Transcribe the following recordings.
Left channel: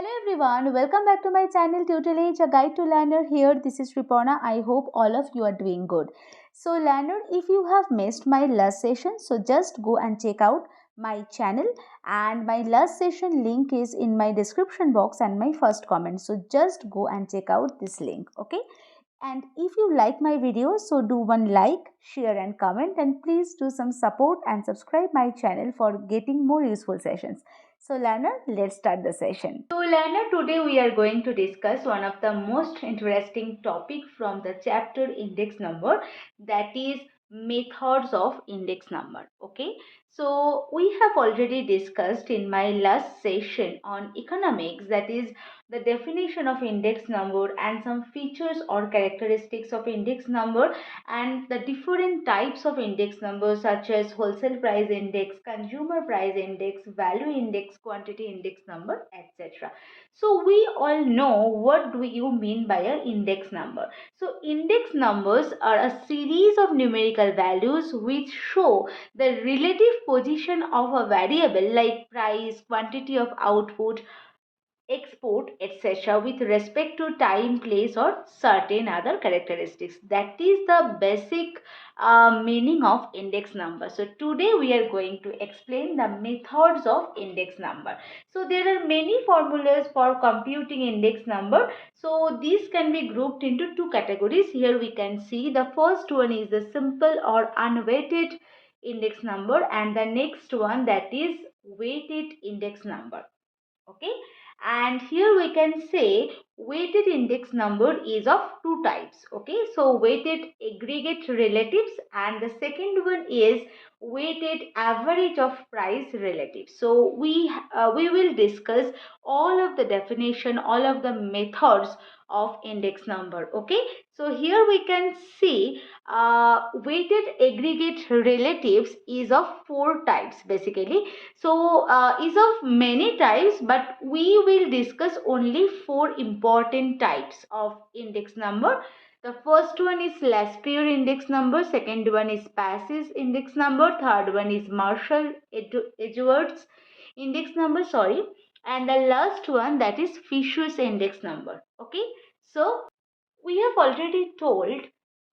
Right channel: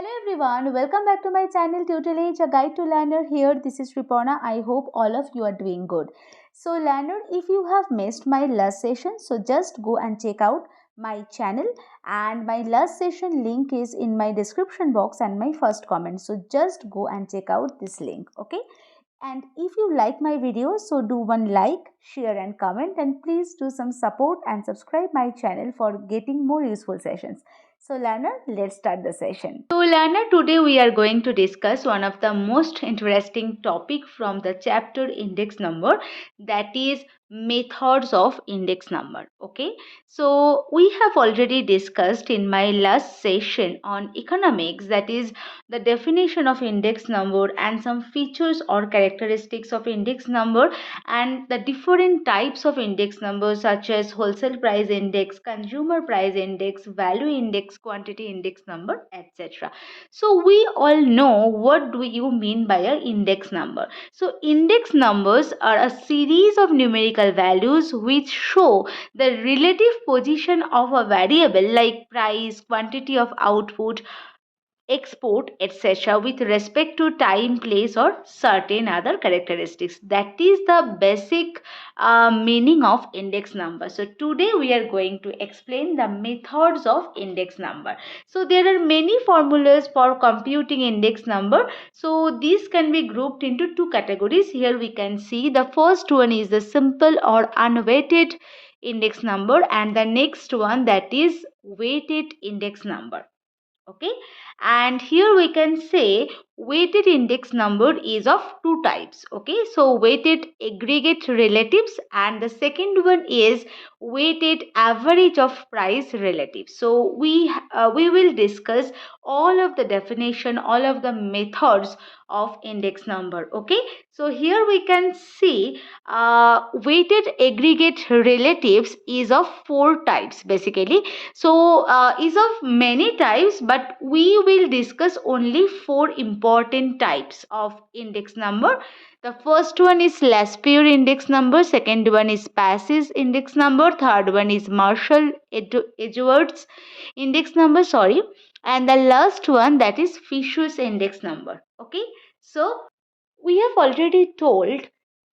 Hello everyone, welcome back to my channel Tutor Age, a guide to learner. Here, this is Sriparna. I hope all of you are doing good. So learner, if you have missed my last session, so just go and check out my channel, and my last session link is in my description box and my first comment. So just go and check out this link, okay? And if you like my video, so do one like, share and comment, and please do some support and subscribe my channel for getting more useful sessions. So learner, let's start the session. So learner, today we are going to discuss one of the most interesting topic from the chapter index number, that is methods of index number. Okay, so we have already discussed in my last session on economics, that is the definition of index number and some features or characteristics of index number, and the different types of index numbers such as wholesale price index, consumer price index, value index, quantity index number, etc. So we all know what do you mean by a index number. So index numbers are a series of numerical values which show the relative position of a variable like price, quantity of output, export, etc., with respect to time, place, or certain other characteristics. That is the basic meaning of index number. So today we are going to explain the methods of index number. So there are many formulas for computing index number. So these can be grouped into two categories. Here we can see the first one is the simple or unweighted index number, and the next one, that is weighted index number. Okay, and here we can say weighted index number is of two types. Okay, so weighted aggregate relatives, and the second one is weighted average of price relatives. So we will discuss all of the definition, all of the methods of index number. Okay, so here we can see weighted aggregate relatives is of four types basically. So is of many types, but we will discuss only four important types of index number. The first one is Laspeyres index number, second one is Paasche index number, third one is Marshall-Edgeworth index number, sorry, and the last one, that is Fisher's index number. Okay, so we have already told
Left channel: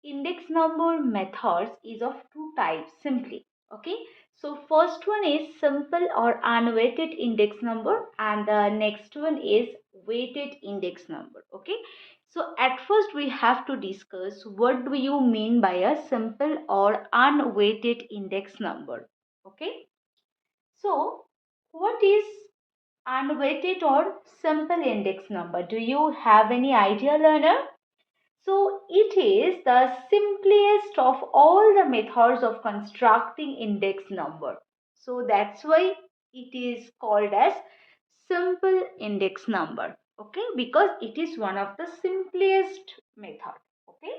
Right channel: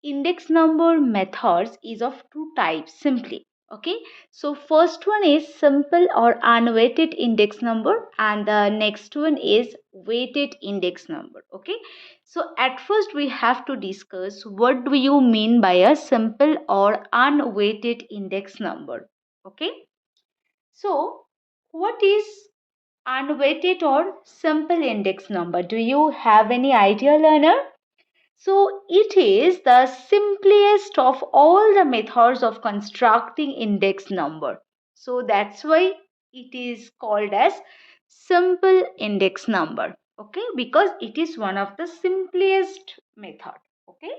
index number methods is of two types simply. Okay, so first one is simple or unweighted index number, and the next one is weighted index number. Okay, so at first we have to discuss what do you mean by a simple or unweighted index number. Okay, so what is unweighted or simple index number? Do you have any idea, learner? So it is the simplest of all the methods of constructing index number. So that's why it is called as simple index number. Okay, because it is one of the simplest method. Okay.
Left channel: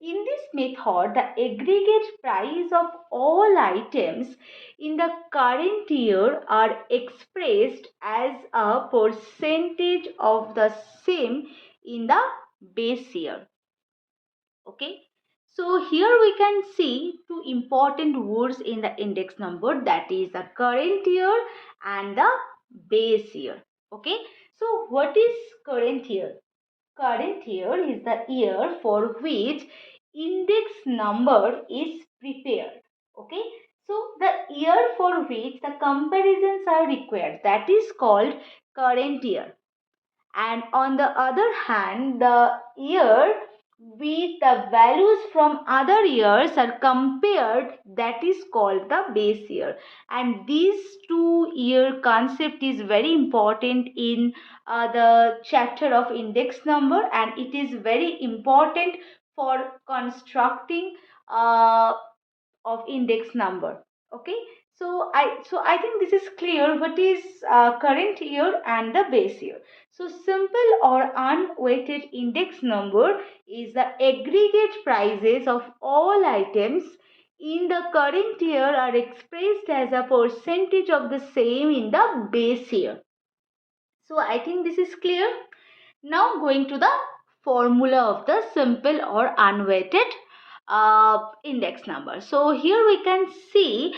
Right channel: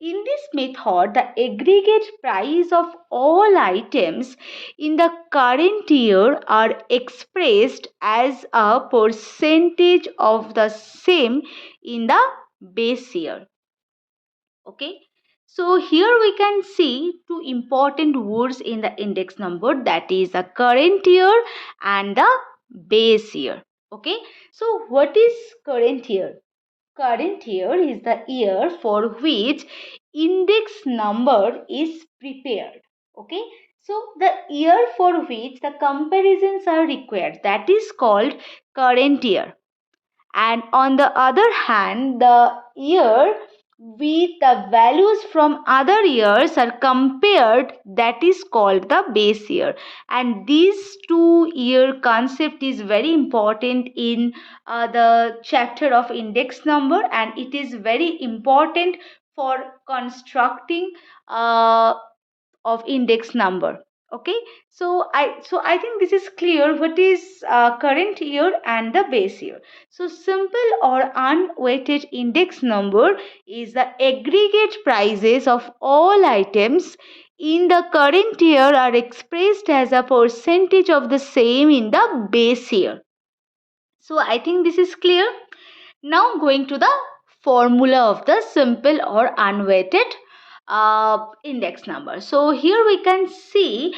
In this method, the aggregate price of all items in the current year are expressed as a percentage of the same in the base year. Okay, so here we can see two important words in the index number, that is the current year and the base year. Okay, so what is current year? Current year is the year for which index number is prepared. Okay, so the year for which the comparisons are required, that is called current year. And on the other hand, the year with the values from other years are compared, that is called the base year. And this 2 year concept is very important in the chapter of index number, and it is very important for constructing of index number. Okay, so I think this is clear what is current year and the base year. So simple or unweighted index number is the aggregate prices of all items in the current year are expressed as a percentage of the same in the base year. So I think this is clear. Now going to the formula of the simple or unweighted index number. So here we can see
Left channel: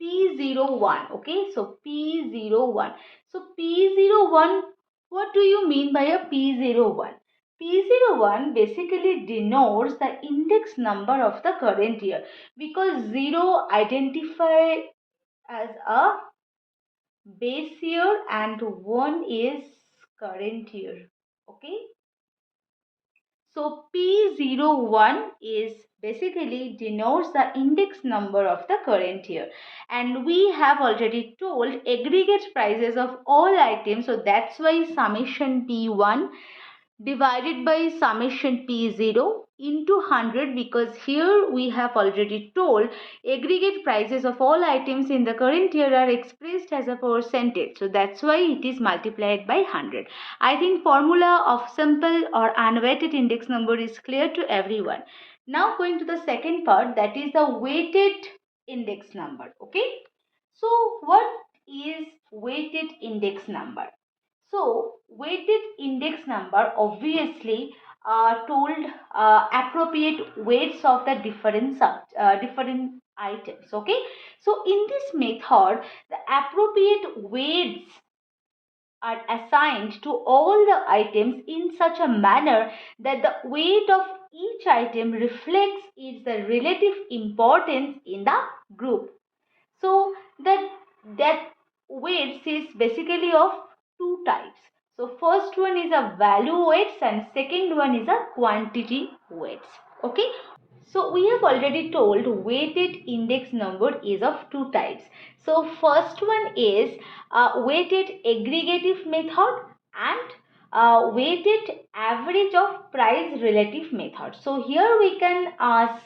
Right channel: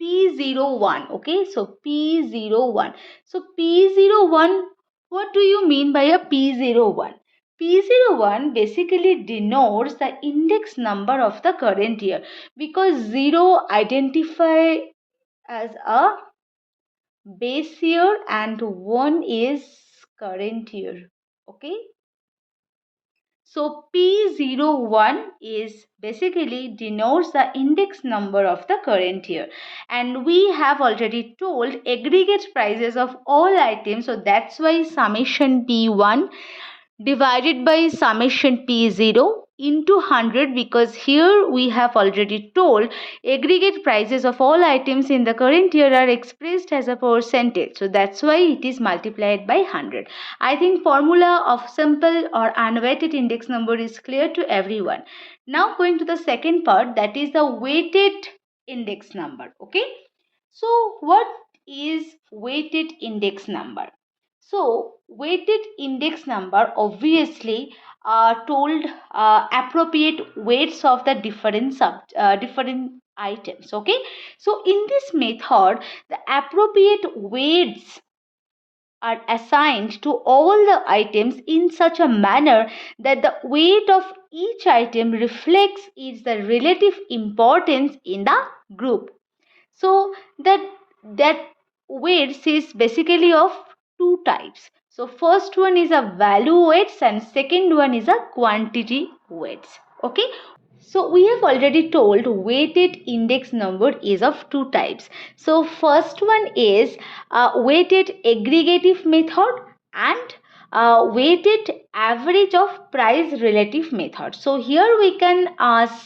P01. Okay, so P01. So P01, what do you mean by a P01? P01 basically denotes the index number of the current year, because 0 identify as a base year and 1 is current year. Okay, so P01 is basically denotes the index number of the current year, and we have already told aggregate prices of all items, so that's why summation P1 divided by summation P0 into 100, because here we have already told aggregate prices of all items in the current year are expressed as a percentage, so that's why it is multiplied by 100. I think formula of simple or unweighted index number is clear to everyone. Now going to the second part, that is the weighted index number. Okay, so what is weighted index number? So weighted index number obviously told appropriate weights of the different items. Okay, so in this method the appropriate weights are assigned to all the items in such a manner that the weight of each item reflects its the relative importance in the group. So that weights is basically of two types. So first one is a value weights and second one is a quantity weights. Okay, so we have already told weighted index number is of two types. So first one is weighted aggregative method and weighted average of price relative method. So here we can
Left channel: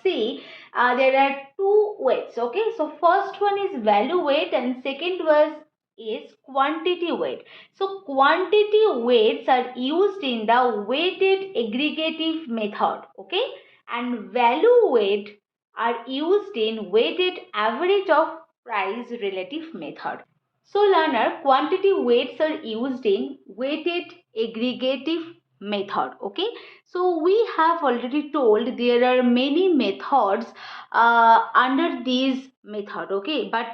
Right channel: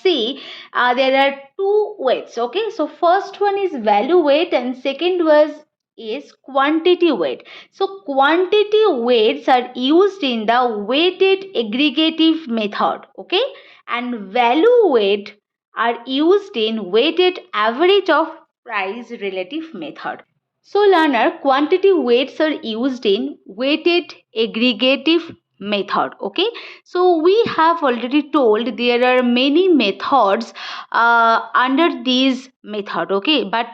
see there are two weights. Okay, so first one is value weight and second was is quantity weight. So quantity weights are used in the weighted aggregative method. Okay, and value weight are used in weighted average of price relative method. So learner, quantity weights are used in weighted aggregative method. Okay, so we have already told there are many methods under these method. Okay, but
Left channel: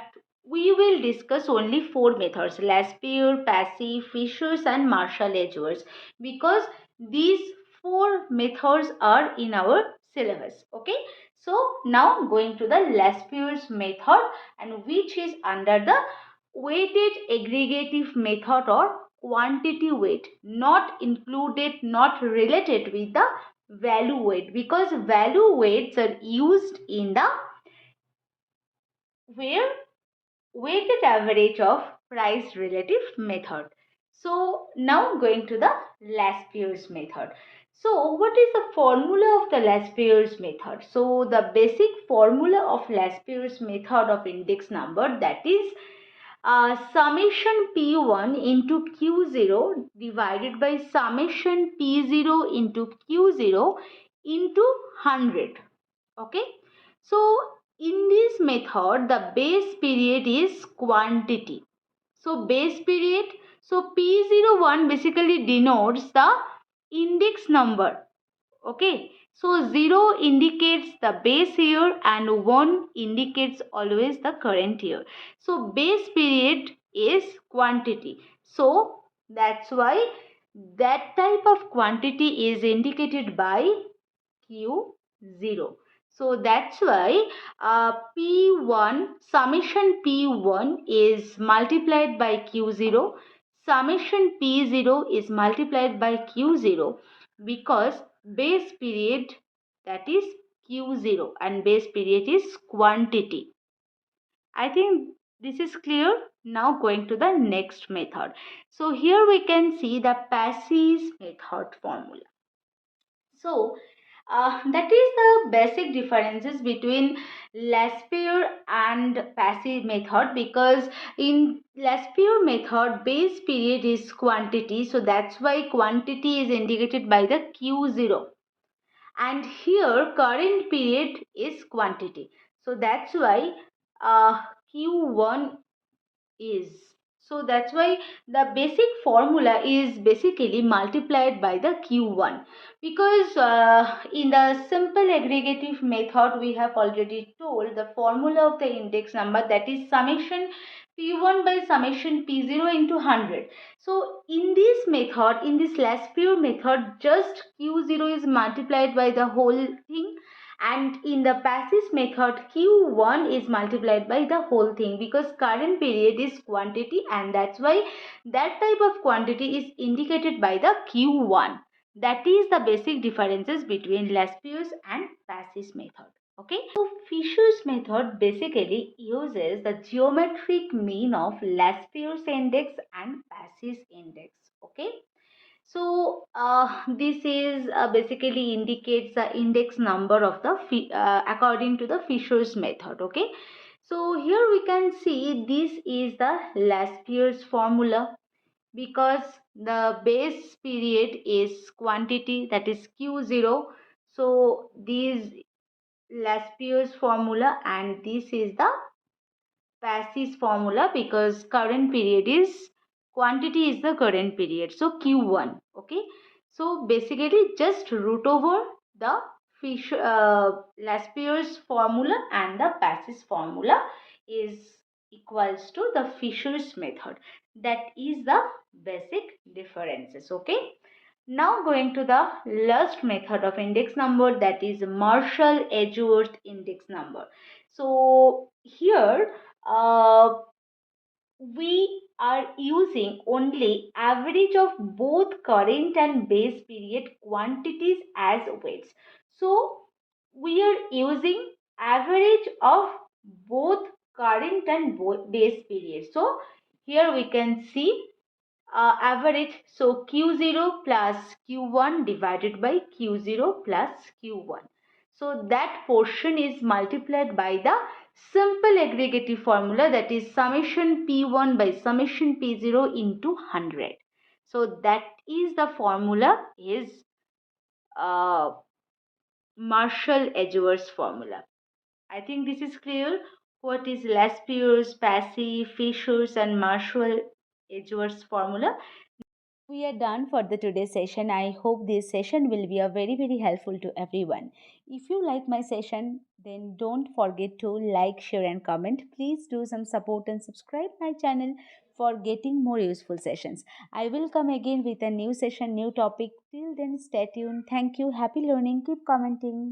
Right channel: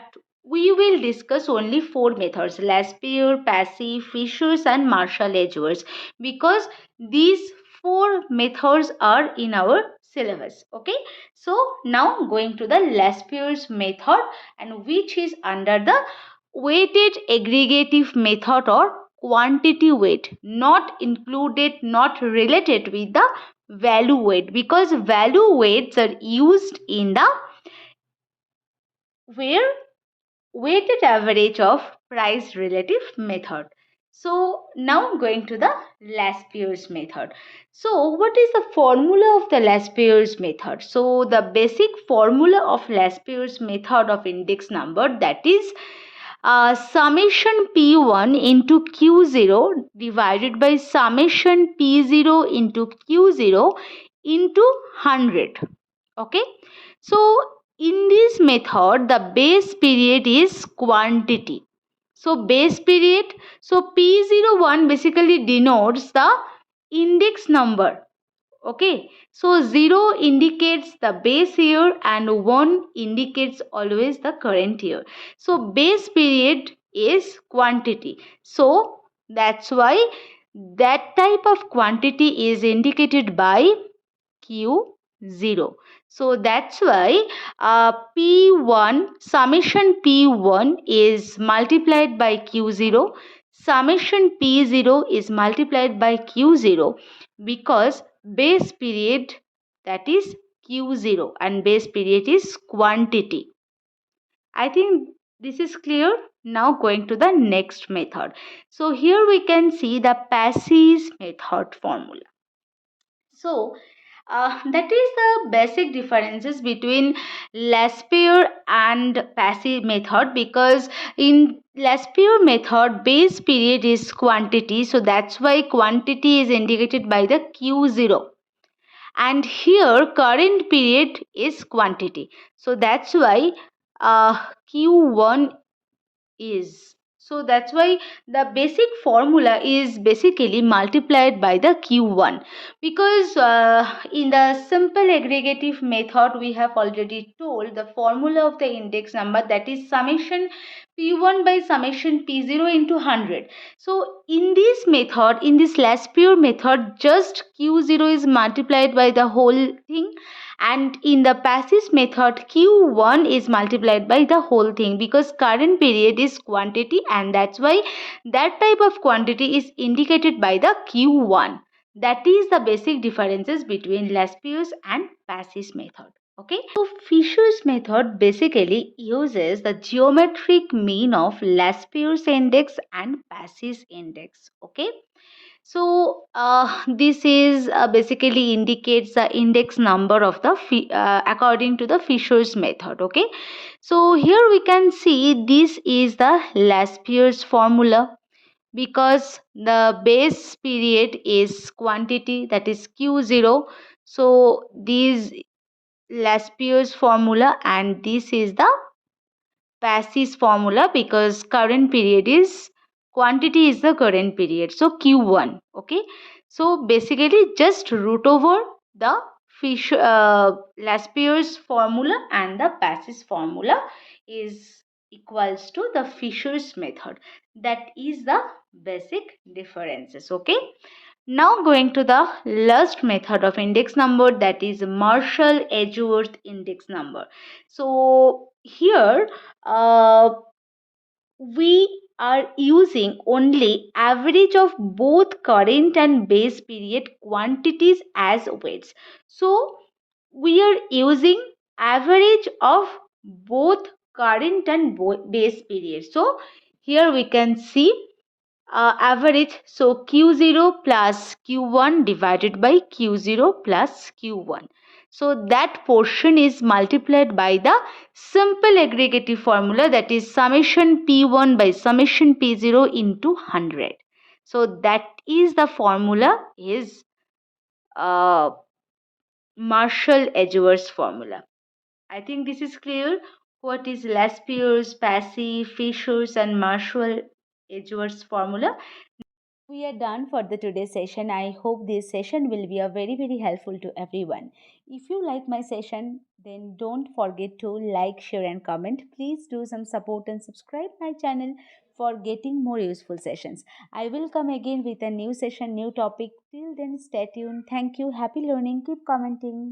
we will discuss only four methods: Laspeyres, Paasche, Fishers and Marshall-Edgeworth, because these four methods are in our syllabus. Okay, so now going to the Laspeyres method, and which is under the weighted aggregative method or quantity weight, not included, not related with the value weight, because value weights are used in the where weighted average of price relative method. So now going to the Laspeyres method. So what is the formula of the Laspeyres method? So the basic formula of Laspeyres method of index number, that is summation P1 into Q0 divided by summation P0 into Q0 into 100. Okay, so in this method the base period is quantity. So base period, so P01 basically denotes the index number. Okay, so 0 indicates the base year and 1 indicates always the current year. So base period is quantity. So that's why that type of quantity is indicated by Q0. So that's why P1, summation P1 is multiplied by Q0, summation P0 is multiplied by Q0, because base period, that is Q0, and base period is quantity. I think this is clear. Now going to the next method. So here we can see the Paasche method formula. So that is the basic differences between Laspeyres and Paasche method, because in Laspeyres method base period is quantity, so that's why quantity is indicated by the Q0, and here current period is quantity, so that's why Q1 is, So that's why the basic formula is basically multiplied by the Q1, because in the simple aggregative method we have already told the formula of the index number, that is summation P1 by summation P0 into 100. So in this method, in this Laspeyres method, just Q0 is multiplied by the whole thing, and in the Paasche method Q1 is multiplied by the whole thing, because current period is quantity and that's why that type of quantity is indicated by the Q1. That is the basic differences between Laspeyres and Paasche method. Okay, so Fisher's method basically uses the geometric mean of Laspeyres index and Paasche index. Okay, so this is basically indicates the index number of the according to the Fisher's method. Okay, so here we can see this is the Laspeyres formula, because the base period is quantity, that is Q0. So this Laspeyres formula, and this is the Paasche formula, because current period is quantity is the current period, so Q1. Okay, so basically just root over the Laspeyres formula and the Paasche formula is equals to the Fisher's method. That is the basic differences. Okay, now going to the last method of index number, that is Marshall-Edgeworth index number. So here we are using only average of both current and base period quantities as weights. So we are using average of both current and base period. So here we can see average, so Q0 plus Q1 divided by Q0 plus Q1. So that portion is multiplied by the simple aggregative formula, that is summation P1 by summation P0 into 100. So that is the formula is uh, Marshall-Edgeworth formula. I think this is clear. What is Laspeyres, Paasche, Fisher's and Marshall-Edgeworth formula? We are done for the today's session. I hope this session will be a very helpful to everyone. If you like my session, then don't forget to like, share and comment. Please do some support and subscribe my channel for getting more useful sessions. I will come again with a new session, new topic. Till then, stay tuned. Thank you. Happy learning. Keep commenting.